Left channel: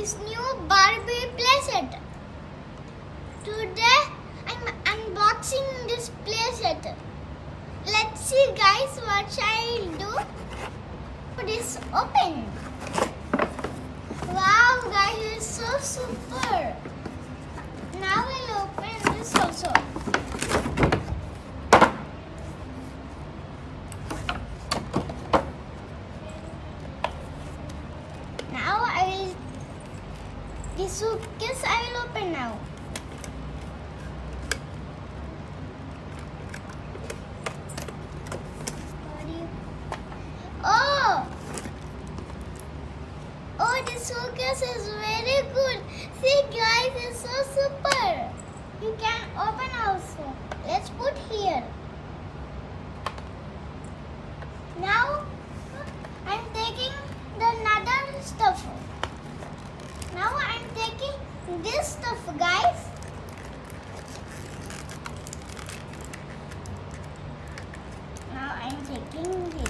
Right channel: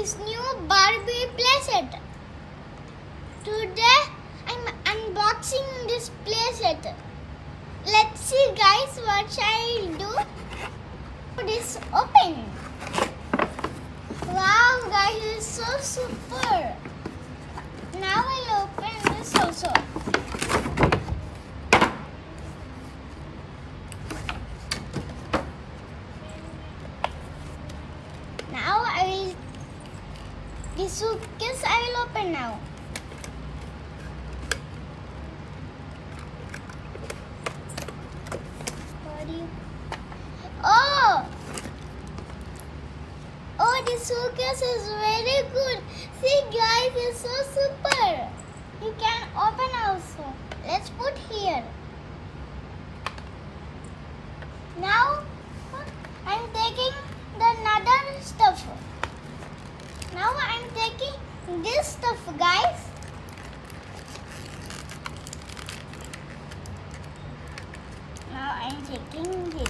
this new Barbie playset. Today I'm unboxing this playset. Let's see guys what I'll do. This open. Wow guys, it's so super. Now I'll open this also. Now this suitcase I will open now. Oh, this suitcase is very good. See guys, it's so super. You can open also. Let's put here. Now I'm taking the another stuff. Now I'm taking this stuff, guys. Now I'm taking this.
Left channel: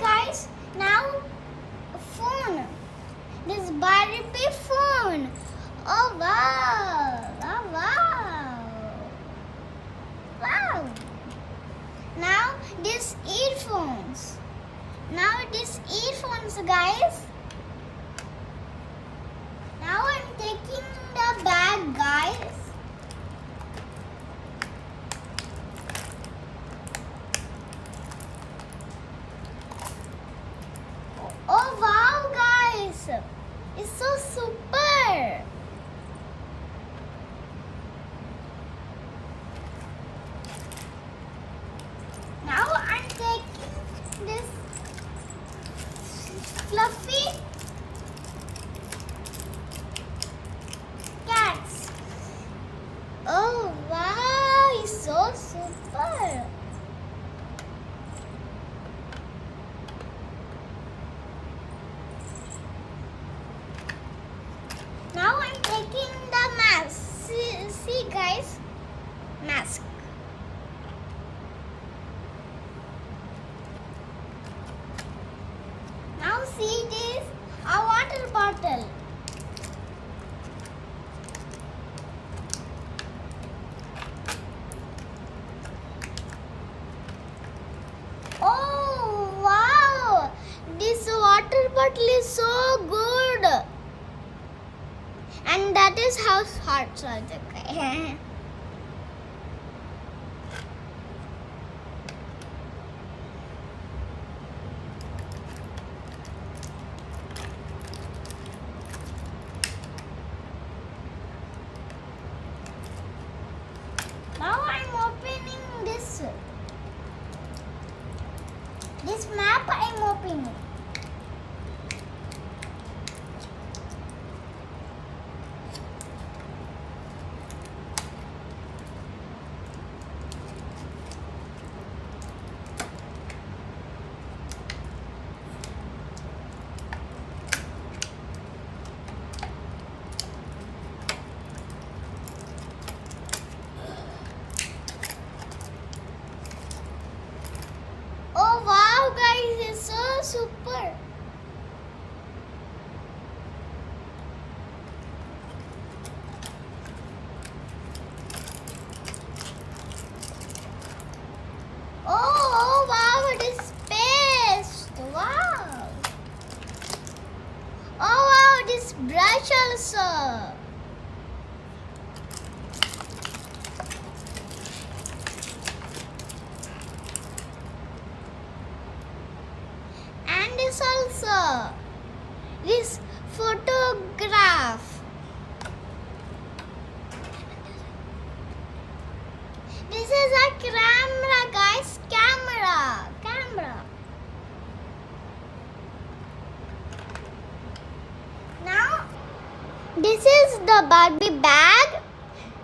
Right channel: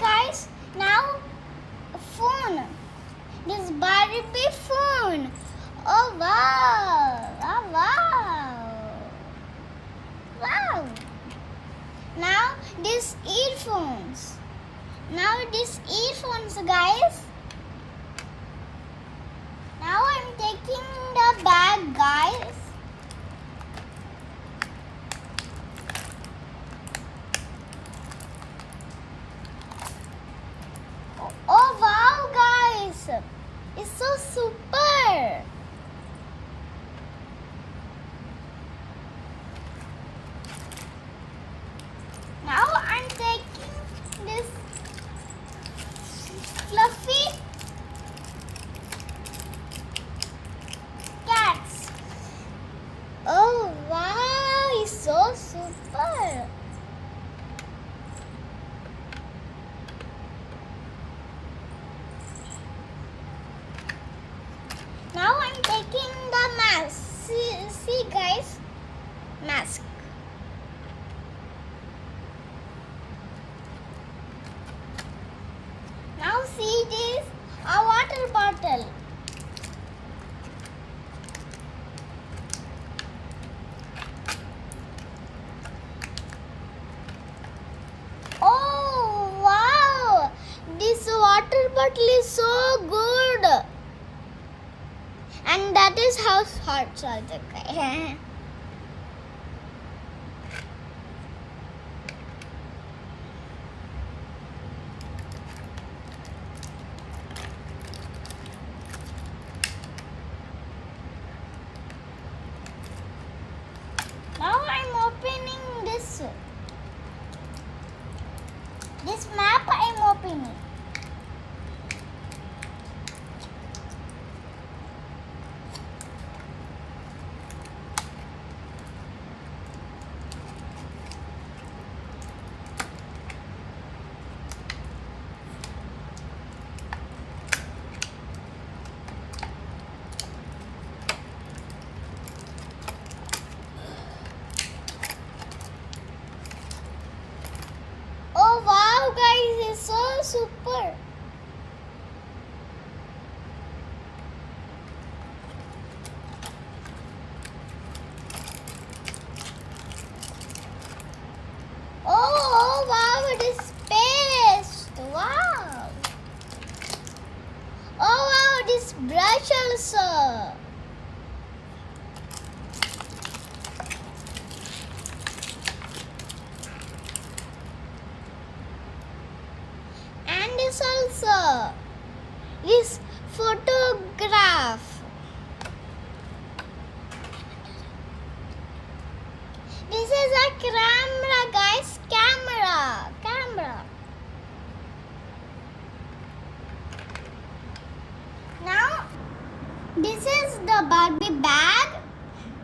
Guys, now phone. This Barbie phone. Oh wow! Oh, wow! Wow! Now this earphones. Now this earphones, guys. Now I'm taking the bag, guys. Oh wow guys, it's so super. Now I'm taking this fluffy cats. Oh wow, it's so super. Now I'm taking the mask. See guys, mask. Now see this, a water bottle. Oh wow, this water bottle is so good. And that is how hearts are okay. Now I'm opening this. This map I'm opening. Oh wow guys, it's so super. Oh wow, it is space. Wow. Oh wow, this brush also. This also, this photograph. This is a camera, guys. Camera. this is the Barbie bag.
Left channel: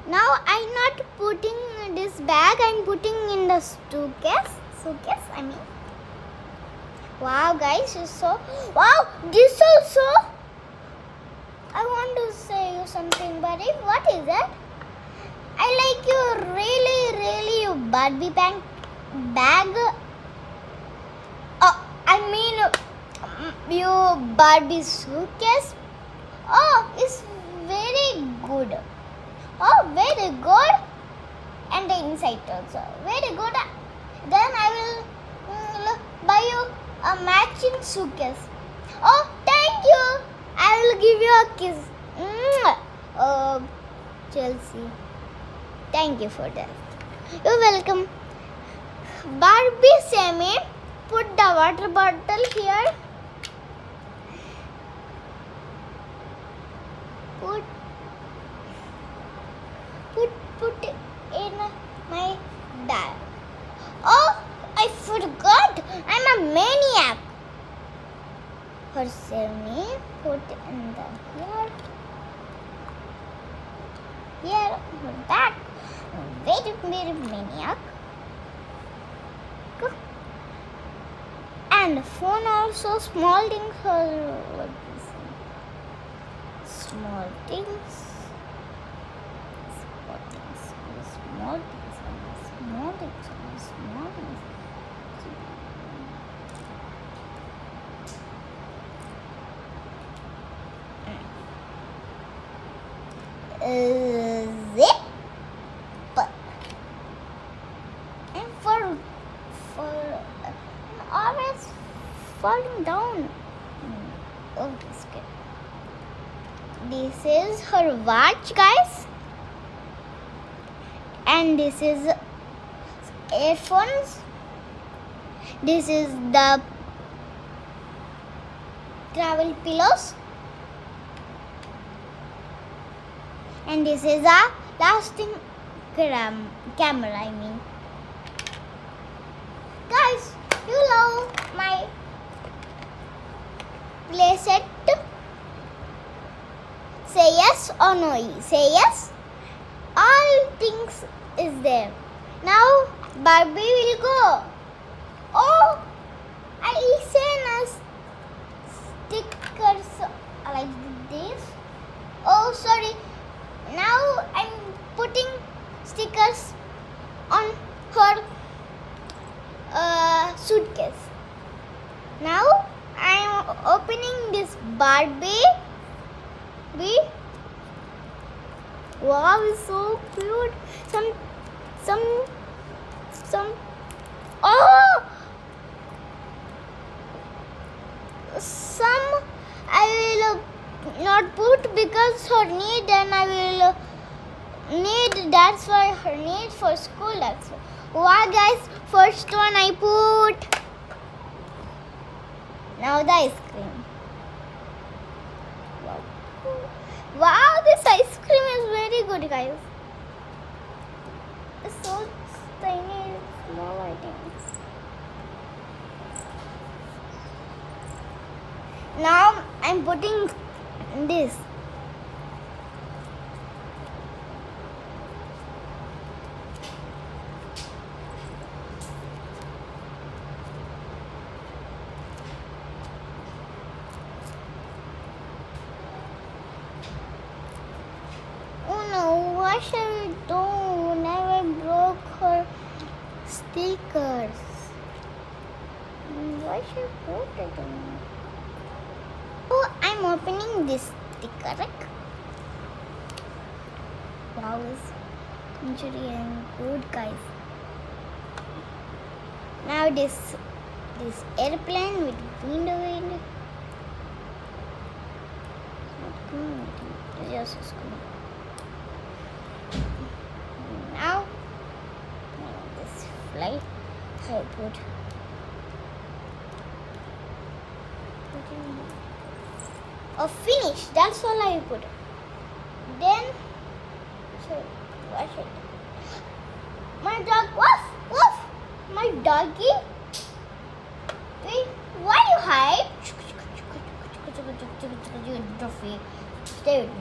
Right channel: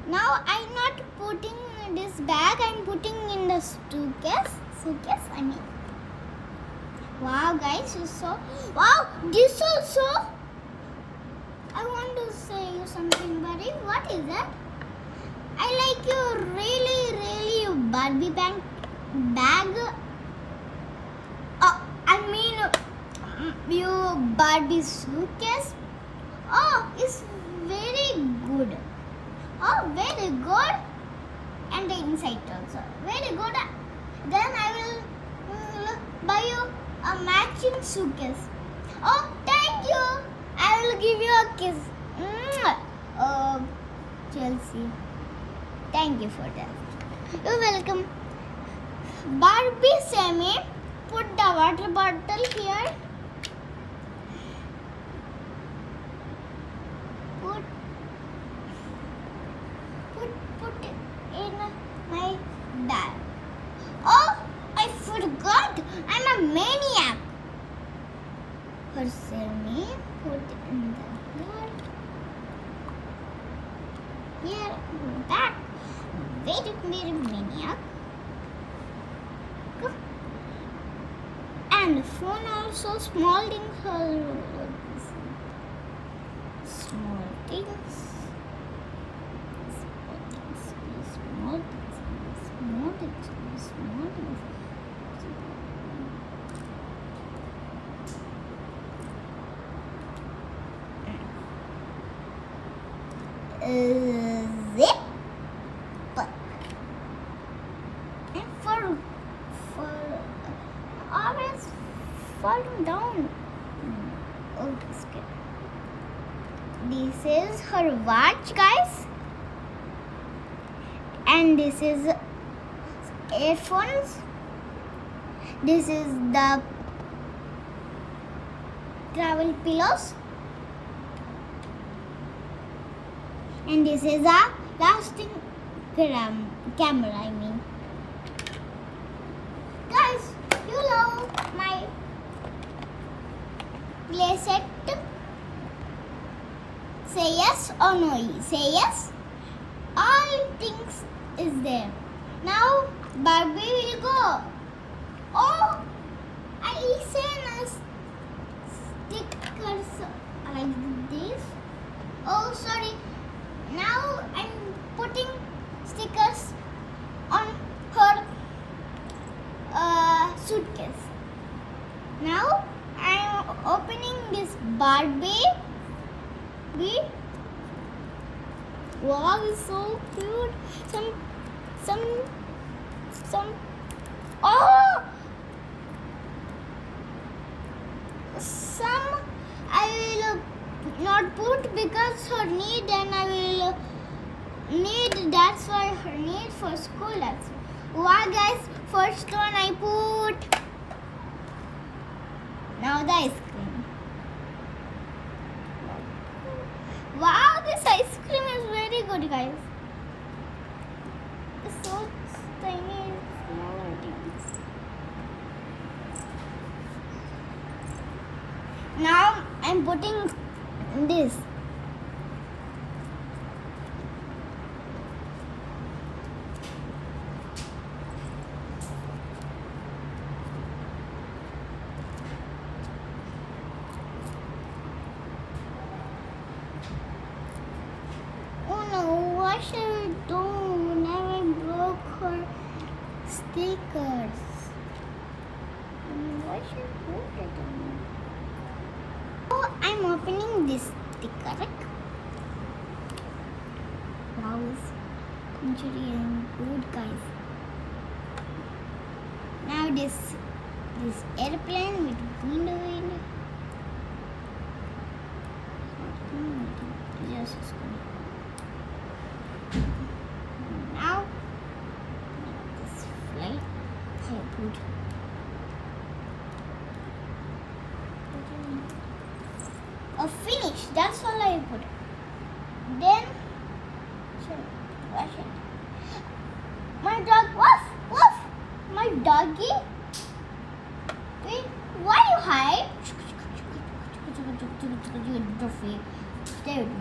Now I'm not putting this bag. I'm putting in the suitcase. I mean. Wow, guys, it's so. Wow, this also. I want to say you something, buddy. What is that? I like your really Barbie bag. I mean your Barbie suitcase. Oh, it's very good. Oh, very good. And the inside also very good. Then I will buy you a matching suitcase. Oh, thank you. I will give you a kiss. Chelsea. Thank you for that. You're welcome. Barbie Sammy, put the water bottle here. Put it in my bag. Oh, I forgot. I'm a maniac. For Sammy, put in the here back. Very maniac. And phone also, small things are small things. Zip. And for always falling down. Oh, this good. This is her watch, guys. And this is earphones. This is the travel pillows. And this is a lasting camera, I mean. Guys, you love my play set? Say yes or no. Say yes. All things is there. Now Barbie will go. Oh, I sent stickers like this. Oh, sorry. Now I'm putting stickers on her suitcase. Now I'm opening this Barbie. Wow, it's so cute. Some I will not put because her need, and I will need. That's why her need for school. That's why, guys. First one I put. Now the ice cream. Wow, this ice cream is very good, guys. It's so tiny, small, I think. Now I'm putting this. What should I do? Never broke her stickers. Why should I put it in? Oh, I'm opening this sticker. Wow, this injury and good, guys. Now this airplane with window in it. Just now this flight I put finish. That's all I put. Then wash it. My dog, woof, my doggy. Wait, why you hide? Stay with me.